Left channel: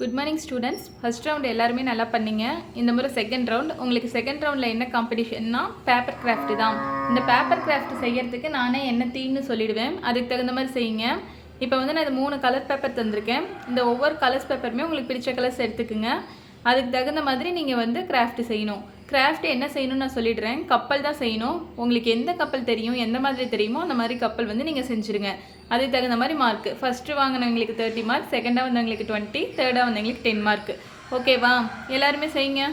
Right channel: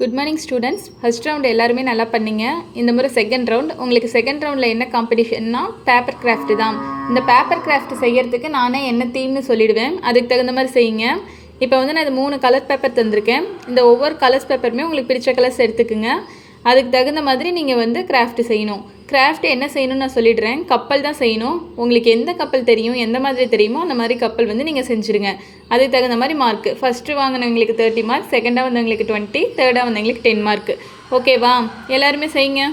Good morning students. First round எல்லாருமே நல்லா பண்ணீங்க. இந்த முறை செகண்ட் ரவுண்ட். உங்களுக்கு செகண்ட் ரவுண்டில் என்ன காம்படிஷன்னா பேப்பர் கிராஃப்ட் தான். இந்த பேப்பர் கிராஃப்ட் செய்கிறதுக்கு நானே என்ன தீம்னு சொல்லிவிடுவேன், அதுக்கு தகுந்த மாதிரி செய்யுங்க. இப்போ வந்து நான் இது 3 கலர் பேப்பர் தந்திருக்கேன். இந்த ஒவ்வொரு கலர்ஸ் பேப்பருமே உங்களுக்கு பிடிச்ச கலர்ஸ் எடுத்துக்குங்க. அதுக்கு தகுந்த மாதிரி நீங்கள் வந்து கிராஃப்ட் செய்யணும். கிராஃப்ட் என்ன செய்யணும்னு நான் சொல்லிடுறேன். கப்பல் தான் செய்யணும். உங்களுக்கு எந்த கப்பல் தெரியும், எந்த மாதிரி தெரியுமோ அந்த மாதிரி கப்பல் வந்து நீங்கள் செஞ்சுருங்க. அதுக்கு தகுந்த மாதிரி மார்க். ஃபஸ்ட்டு வாங்கினவங்களுக்கு 30 மார்க், செகண்டாக வந்தவங்களுக்கு 20, தேர்டாக வந்தவங்களுக்கு 10 மார்க். ஓகேவா? எல்லாருமே செய்யுங்க.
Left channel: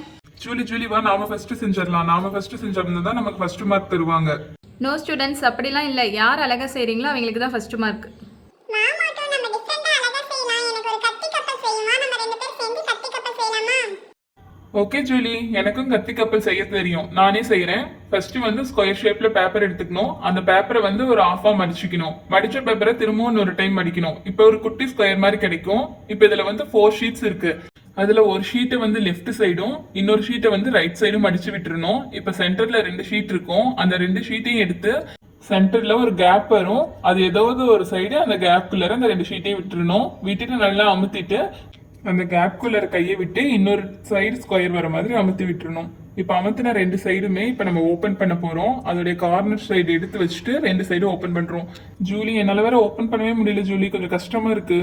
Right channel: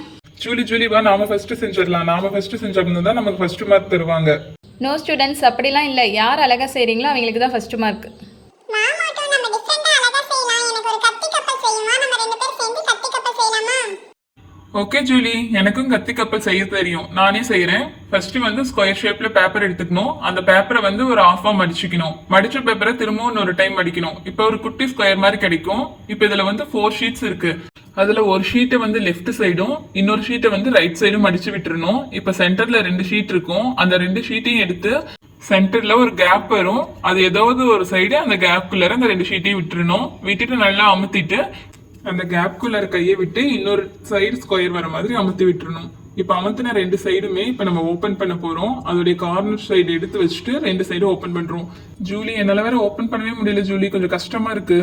ஜூலி வா, நாம ஃபர்ஸ்ட் செஞ்சிடலாம். நாம ஃபர்ஸ்ட் செஞ்சிருந்தா தான் நமக்கு ஃபர்ஸ்ட் மார்க் தருவாங்க. நோ ஸ்டூடெண்ட்ஸ், அப்படிலாம் இல்லை. யார் அழகாக செய்கிறீங்களோ அவங்களுக்கு தான் ஃபர்ஸ்ட் மார்க். ஓகே ஜூலி, எனக்கும் கத்தி கப்பல் செய்ய தெரியும். நானே செய்யறேன். ஃபர்ஸ்ட் வந்து ஸ்கொயர் ஷேப்ல பேப்பர் எடுத்துக்கணும். அந்த பேப்பரை வந்து ஒரு ஆஃபா மடிச்சுக்கணும். மடிச்ச பேப்பரை திரும்பவும் ஒரு டைம் மடிக்கணும். இப்போ ஒரு குட்டி ஸ்கொயர் மாதிரி கிடைக்கும். இப்போ இதுல வந்து 4 ஷீட்ஸ் இருக்கு. அதுல ஒரு ஷீட்டை வந்து லெஃப்ட் சைடும் இன்னொரு ஷீட்டை வந்து ரைட் சைடும் மடிச்சு விட்டுறணும். இப்போ சென்டர்ல 2 ஷீட் இருக்கும். அந்த 2 ஷீட்டையும் எடுத்து சென்டர்ல ஒரு கேப் வரும். அது ஏதாவது ஒரு சைடு அந்த கேப்குள்ளார அந்த 2 ஷீட்டையும் விட்டுறணும். விட்டுட்டு நல்லா அமுத்திட்டு அந்த கேப்குள்ளார கையை விட்டு இன்னொரு சைடு ஸ்கொயர் வர மாதிரி அமுத்தி விட்டுறணும். இப்போ அமுத்தின 2 சைடுமே இப்போ நம்ம ஓப்பன் பண்ண போறோம். அதோடைய கார்னர் சைடு எடுத்து வச்சுட்டு 2 சைடு ஓப்பன் பண்றோம். ஜூலி, என்னால வேற ஓப்பன் பண்ணவே முடியல ஜூலி, கொஞ்சம் கஷ்டமா இருக்கு.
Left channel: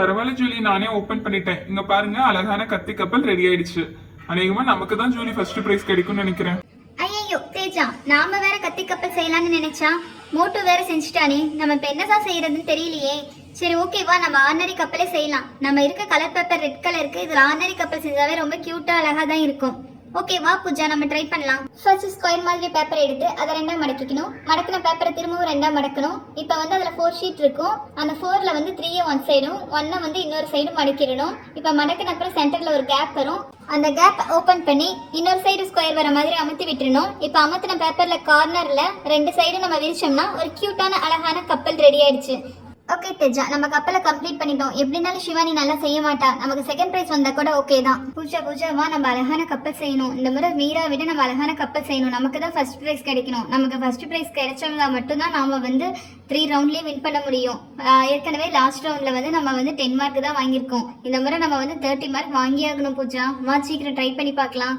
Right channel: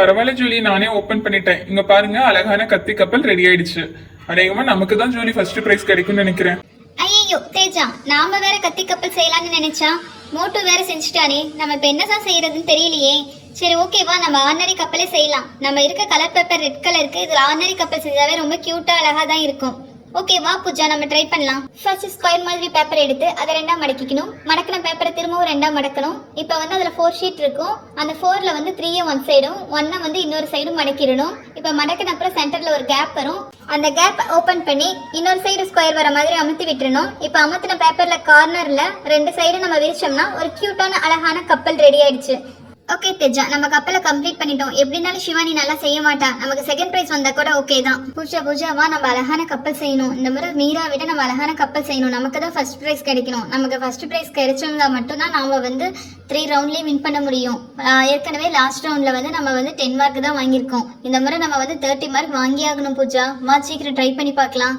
பரவாயில்ல ஜூலி, நானே ஓப்பன் பண்ணிட்டேன். இங்க பாருங்க, அழகான கத்தி கப்பல் ரெடி ஆயிடுச்சு. அநேகமா நமக்கு தான் ஜூலி ஃபர்ஸ்ட் பிரைஸ் கிடைக்கும்னு நினைக்கிறேன். ஐயோ தேஜா, நாம வேற கத்தி கப்பல் செய்யலாம்னு நினைச்சா மோட்டோ வேற செஞ்சுட்டானே. நம்ம இப்ப என்னதான் செய்யறதுன்னு தெரியலையே. சரி ஓகேவா, நம்ம ஆர்டினரி கப்பலே செய்யலாம். நம்ம இருக்க கலர் பேப்பர் ரெட் கலருக்கு இதுல ஆர்டினரி கப்பல் செஞ்சாவே ரொம்ப கியூட்டா அழகா தான் இருக்கும். ஓகே வா பூஜா, நம்ம ட்ரை பண்ணலாம். ஃபர்ஸ்ட் ஸ்கொயர் மாதிரி பேப்பர் எடுத்து அதை 2ஆ மடக்கிக்கணும். மடக்கின பேப்பரை திரும்பவும் 2ஆ மடக்கணும். இப்போ வந்து அதில் 4 ஷீட் இருக்கும். அந்த 4ல வந்து 3 ஒன் சைடும் 1 வந்து இன்னொரு சைடும் மடக்கிடணும். இப்போ மடக்கின அப்புறம் சென்டர்ல ஒரு கேப் வரும். அந்த கேப் ஓப்பன் பண்ணி இன்னொரு சைடு ஸ்கொயர் வர மாதிரி அமுத்தி விட்டுறணும். இப்போ அமுத்தின பேப்பர்ல கார்னர்ல 2 சைடு நம்ம விரிச்சோம்னா ஒரு கியூட்டான அழகான கப்பல் ரெடி ஆயிடுச்சு. ஓகே தேஜா, நம்ம கப்பலை கம்ப்ளீட் பண்ணிட்டோம். எப்படினாலும் சிவானி நல்லா செய்ய மாட்டா. நமக்கு செகண்ட் பிரைஸ் வந்தா கூட ஓகே தான். பூஜாவா, நம்ம அழகான கப்பல் செய்யணும். இந்த முறை மீரா விட நம்ம அழகான கப்பல் செய்யணும். நமக்கு தான் ஃபர்ஸ்ட் பிரைஸ் கிடைக்கணும். நமக்கு ஃபர்ஸ்ட் பிரைஸ் கிடைச்சிருந்தா மட்டும்தான் நாம வந்து 3 ரவுண்ட்லயே வின் பண்ண முடியும். ஏற்கனவே லாஸ்ட் ரவுண்ட்ல வந்து நம்ம வந்து 10 மார்க் தான் வாங்கியிருக்கோம். இந்த முறை நம்ம வந்து 30 மார்க் வாங்கி ஆகணும். பூஜா வா, சீக்கிரம் ட்ரை பண்ணி பார்க்கலாம்.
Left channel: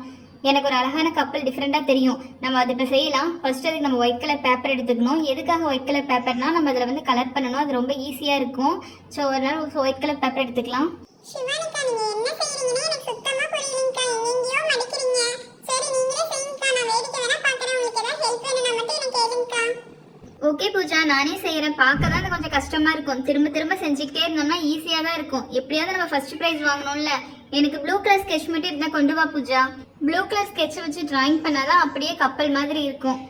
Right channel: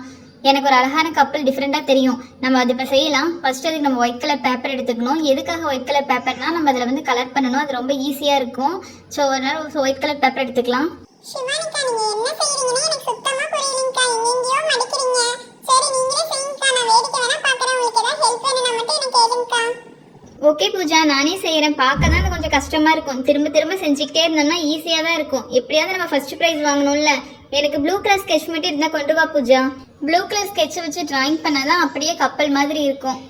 எனக்கு ஒரு அழகான கப்பல் டிஃப்ரெண்டாக தெரியும். நம்ம அதை இப்போ செய்யலாம். ஃபர்ஸ்ட் அதுக்கு நம்ம ஒயிட் கலர் பேப்பர் எடுத்துக்கணும். எதுக்காக ஒயிட் கலர் பேப்பர்னா, நம்ம அதில் வந்து கலர் பண்ணணும். அது ரொம்ப ஈஸியாக இருக்கும். ஸோ ஒரு நாள் ஒயிட் கலர் பேப்பர் எடுத்துக்கலாம். ஓகே பூஜா, நானே செய்கிறேன். பார்க்க தான் அது கொஞ்சம் கஷ்டமாக இருக்கும். திரும்ப செஞ்சுக்கிட்டே இருந்தோம்னா ஈஸியாக தான் இருக்கும். எப்படியாவது நம்ம ஃபர்ஸ்ட் ப்ரைஸ் வாங்கணும்ல. எனக்கு ப்ளூ கலர் ஸ்கெட்ச் மட்டும் இருந்தால் கொண்டு வா பூஜா. ப்ளூ கலர் ஸ்கெட்சை வச்சு டிராயிங் பண்ணாதான் அப்படியே கப்பல் மாதிரி இருக்கும்.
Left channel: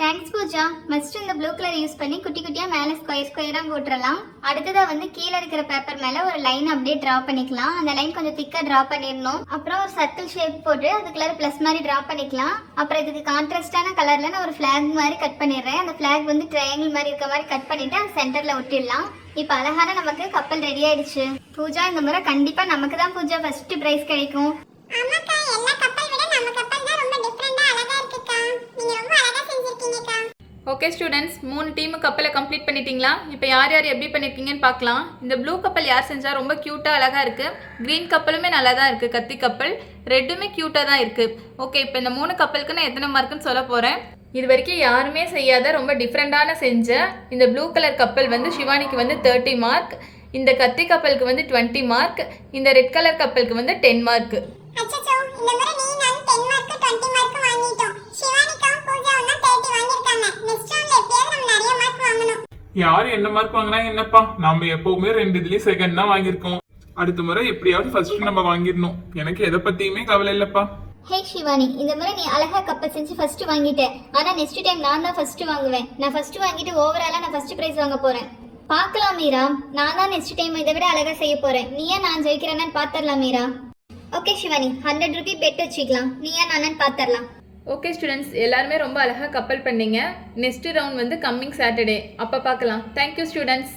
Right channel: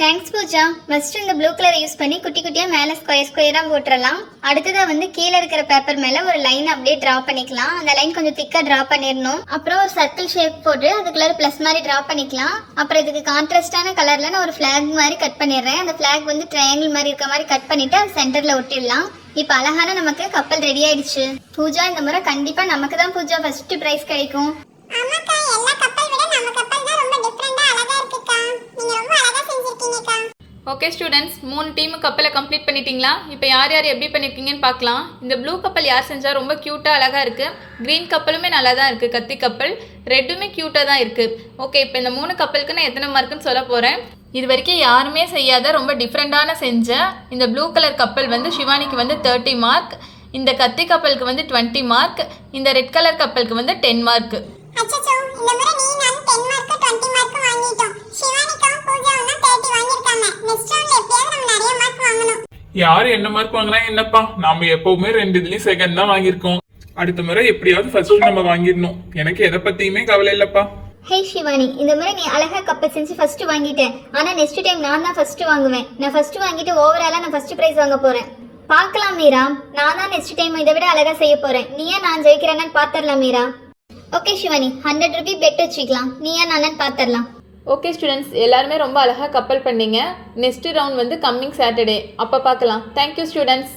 தேங்க்ஸ் பூஜா. ஃபர்ஸ்ட் இந்த ப்ளூ கலரை யூஸ் பண்ணி குட்டி குட்டியாக மேலே ஸ்கொயராக போட்டுடலாம். அடுத்ததாக வந்து கீழே இருக்கிற பேப்பர் மேலே ஒரு லைன் அப்படியே ட்ரா பண்ணிக்கலாம். அந்த லைன் கொஞ்சம் திக்காக ட்ரா பண்ணிடணும். அப்புறம் ஒரு சர்க்கிள் ஷேப் போட்டு அதுக்குள்ளார ப்ளஸ் மாதிரி ட்ரா பண்ணிக்கலாம். அப்புறம் இதுக்கு கான்ட்ராஸ்டான கலரில் நான் ஒரு ஃப்ளாக் மாதிரி கட் பண்ணிடுறேன். அந்த ஃப்ளாக் வந்து ட்ரையாங்கிள் மாதிரி இருக்க மாதிரி கட் பண்ணிவிட்டு அது சென்டரில் ஒட்டிடலாம். இப்போ அழகான நமக்கு கப்பல் ரெடி ஆயிடுச்சு. பூஜா, இந்த முறை கண்டிப்பா நமக்கு தான் பூஜா ஃபர்ஸ்ட் பிரைஸ் கிடைக்கும். ஆமாக்கா, எல்லா கப்பல் விட நம்ம கப்பல் தான் ரொம்ப டிஃபரண்டா அழகா இருக்குக்கா. நீங்க ரொம்ப அழகா செஞ்சிருக்கீங்கக்கா. ஓகே ஸ்டூடெண்ட்ஸ், 3 டீமு கப்பலை கம்ப்ளீட் பண்ணிட்டீங்களா? இப்போ யார் எப்படி பண்ணியிருக்கீங்கன்னு பார்க்கலாம். இந்த ப்ளூ கப்பல் யார் செஞ்சால் ரொம்ப க்யூட்டாக அழகாக இருக்குது. க்ரீன் கப்பலுமே நல்லா தான் இருக்குது. கத்தி கப்பல் ரெட்டுமே க்யூட்டாக தான் இருக்குது. ஓகே, இப்போ இந்த 3 கப்பலுக்கு நான் எத்தனை மார்க்குன்னு சொல்ல போகிறேன். இது வரைக்கும் யாருமே செய்யாத ரொம்ப டிஃப்ரெண்டான செஞ்ச இந்த ப்ளூ கலர் கப்பல் வந்து சிவானிக்கு வந்து 30 மார்க், இந்த கத்தி கப்பலுக்கு வந்து 20 மார்க், இந்த ரெட் கலர் கப்பலுக்கு வந்து 10 மார்க். அச்சச்சோ, இந்த முறை நீ நான் 10 மார்க் 20 மார்க் வாங்கிட்டோம். சிவானிகாவும் பூஜாவும் தான் 30 வாங்கிருக்காங்க. நெக்ஸ்ட் ரவுண்ட்ல எப்படியாவது நம்ம நிறைய மார்க் வாங்கணும். யார் என்ன மார்க் வாங்கினா என்னப்பா, நாம எப்பவுமே 2 இதுலயும் செகண்ட் தான் வாங்கியிருக்கோம். அடுத்த முறை எப்படியாவது ஃபர்ஸ்ட் நம்ம வாங்கிடணும். எனக்கு எதை பத்தியுமே கவலை இல்லப்பா. ஹே சிவானி, இந்த முறை நீ அழகா கப்பல் செஞ்சு ஃபர்ஸ்ட் வாங்கிட்டேன். ஆனா நெக்ஸ்ட் டைம் நான் தான் ஃபர்ஸ்ட் வாங்குவேன். நான் ஃபர்ஸ்ட் வாங்கிட்டு ஓவராலா நான் ஃபர்ஸ்ட் பிரைஸ் வாங்க போறேன். பார்க்கலாம் மீரா, நான் தான் நெக்ஸ்ட் டைம் இதை விட அழகா செய்ய போறேன். நீயா நான் ஜெயிக்கிறேன்னு பாத்திரலாம் Meera. Okay Shivani, 100 rupee bet வச்சுக்கலாம். நீயா நான் பாத்திரலாம். ஓகே ஸ்டூடெண்ட்ஸ், எல்லாருமே ரொம்ப அழகாக கப்பல் பண்ணீங்க. நெக்ஸ்ட் ரவுண்ட் வந்து கம்மிங் சாட்டர்டே, அப்போ பார்க்கலாம். Thank you students.